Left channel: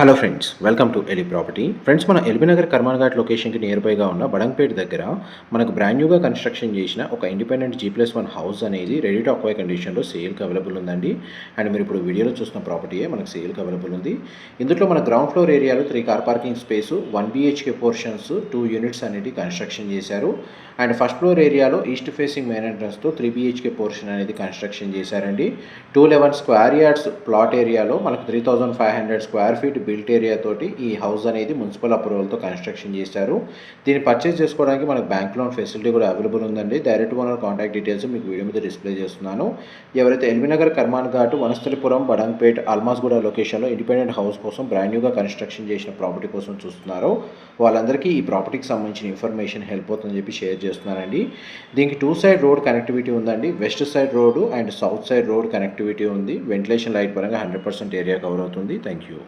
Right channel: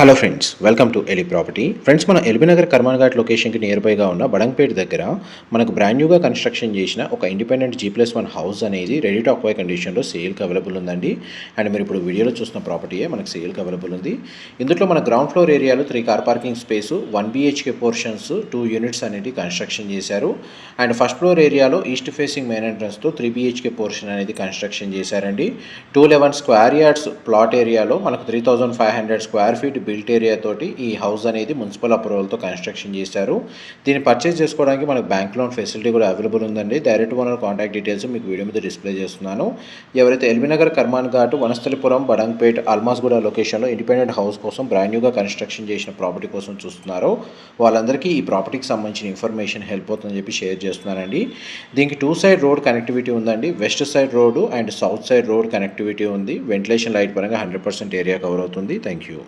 Hello friends, welcome to ఎలి property. Friends, మన ఎల్బీనగర్ కర్మాన్ ఘాట్ లొకేషన్కి నియర్ బైగా ఉన్న బడంగపేట దగ్గర మనకు బ్రాండ్ న్యూగా కన్స్ట్రక్షన్ చేసిన ఒక ఇండిపెండెంట్ G+1 హౌస్ అనేది రెడీ టు అక్వైర్ కండిషన్లో సేల్కి అవైలబుల్ ఉందండి. అండ్ మీరు ఇప్పుడు వీడియోలో చూస్తున్న ప్రాపర్టీయే మనకు సేల్కి అవైలబుల్ ఉంది. ఇందులో మన గ్రౌండ్ ఫ్లోర్ ఏరియాలో 3 car parking space, 1 BHK portions, 2 units అనేది కన్స్ట్రక్షన్ చేశారు. అండ్ ఫస్ట్ ఫ్లోర్ ఏరియాలో ఈస్ట్ ఫేసింగ్ మెయిన్ ఎంట్రన్స్తో 3 BHK పోర్షన్ అనేది కన్స్ట్రక్షన్ చేశారండి. 211 స్క్వేర్ యార్డ్స్ ప్లాట్ ఏరియాలో మనకు 3500 స్క్వేర్ ఫీట్ బిల్ట్ ఏరియా తోటి ఈ హౌస్ అనేది మున్సిపల్ అప్రూవల్తో కన్స్ట్రక్షన్ చేశారు. దీన్ని పర్చేస్ చేసుకోవడానికి మనకు బ్యాంక్ లోన్ ఫెసిలిటీ కూడా అవైలబుల్ ఉందండి. డైరెక్ట్ ఓనర్ కాంటాక్ట్ డీటెయిల్స్ మీకు వీడియో మీద డిస్ప్లే చేస్తున్నాను. ఎవరైతే ఎల్బీనగర్ కర్మాన్ ఘాట్, వనస్థలిపురం, బడంగపేట్, అల్మాస్గూడ లొకేషన్లో ఇండిపెండెంట్ హౌస్ కోసం బ్రాండ్ న్యూగా కన్స్ట్రక్షన్ చేసిన ప్రాపర్టీ కోసం చూస్తున్నారో వాళ్ళందరికీ ఈ ప్రాపర్టీకి సంబంధించిన ఇన్ఫర్మేషన్ హెల్ప్ అవుతుందని చెప్పి షేర్ చేస్తున్నానండి. దీనికి 2 సైడ్ రోడ్ కనెక్టివిటీ ఉందండి. West side road and south side road connectivity ఉంది. వెంటిలేషన్ లైట్ పరంగా 100% ఏరియా కవర్ అవుతుంది. Thank you.